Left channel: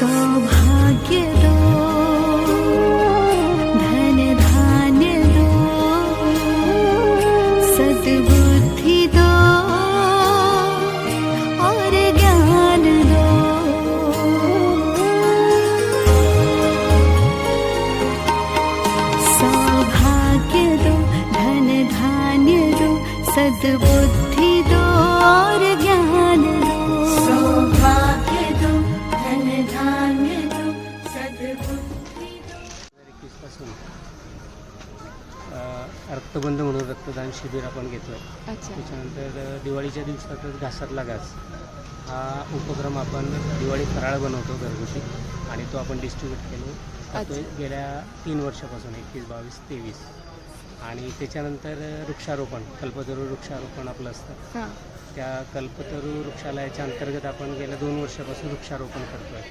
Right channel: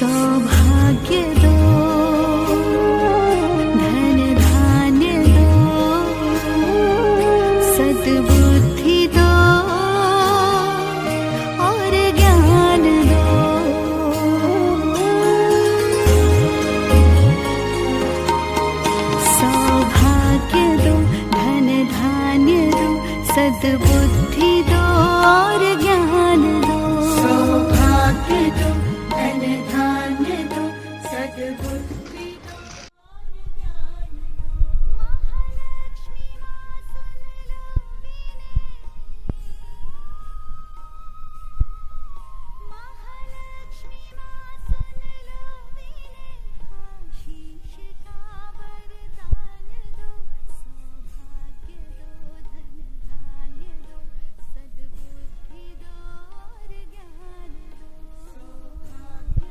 सौभाग्य दो, धन धान्य दो, सद्बुद्धि दो और ज्ञान दो। सौभाग्य दो, धन धान्य दो, सद्बुद्धि दो और ज्ञान दो। सौभाग्य दो, धन धान्य दो, सद्बुद्धि। रक्तबंध म्हणून रक्तदान शिबिर आपण घेतोय. त्याच्यानंतर दिवाळीच्या दिवसातच घासातला घास हा उपक्रम आपण दिवाळी फराळ बनवतो घरगुती आणि तो आपण डिस्ट्रीब्यूट केलो गेल्या 3 वर्षापासून 21, 22, 23. आणि त्याच्यानंतर वृक्षारोपण, कल्पतरू वृक्षारोपण आपलं असतं. त्या कल्पतरू वृक्षालयाच्या अंतर्गत आपण गेल्या 2 वर्षापासून वृक्षारोपण करतो आहे.